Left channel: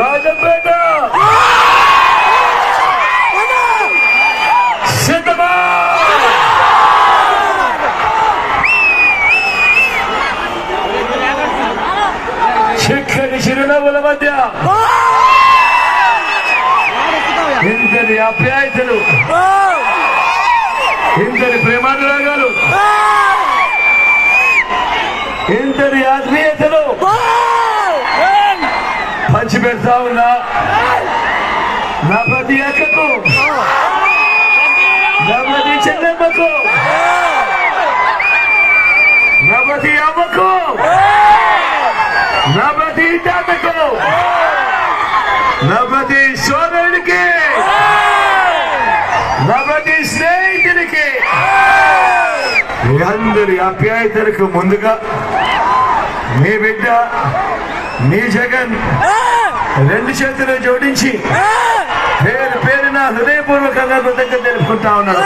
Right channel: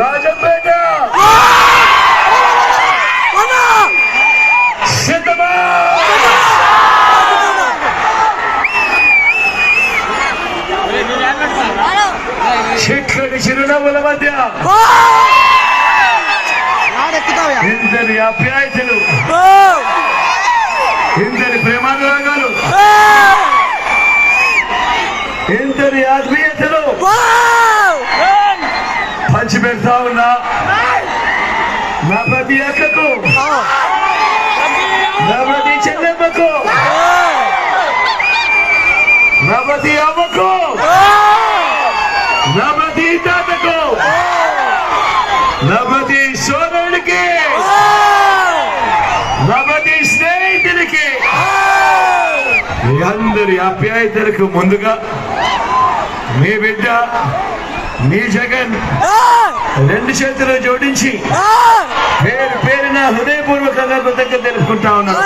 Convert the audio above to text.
రాజంపేట సిద్ధమా చిక్కటి చిరునవ్వుల మధ్య ఇందరి ఆప్యాయతలు, ఇందరి ప్రేమానురాగాలు, ఇందరి ఆత్మీయతలు పంచిపెడతా ఉన్నా నా ప్రతి అక్కకు, నా ప్రతి చెల్లెమ్మకు, నా ప్రతి అమ్మకు, నా ప్రతి తాతకు, నా ప్రతి సోదరుడికి, నా ప్రతి స్నేహితుడికి, అందరి ఆప్యాయతలకు ముందుగా మీ బిడ్డ మీ జగన్ రెండు చేతులు జోడించి పేరు పేరున హృదయపూర్వకంగా కృతజ్ఞత తెలుపుకుంటా ఉన్నాను.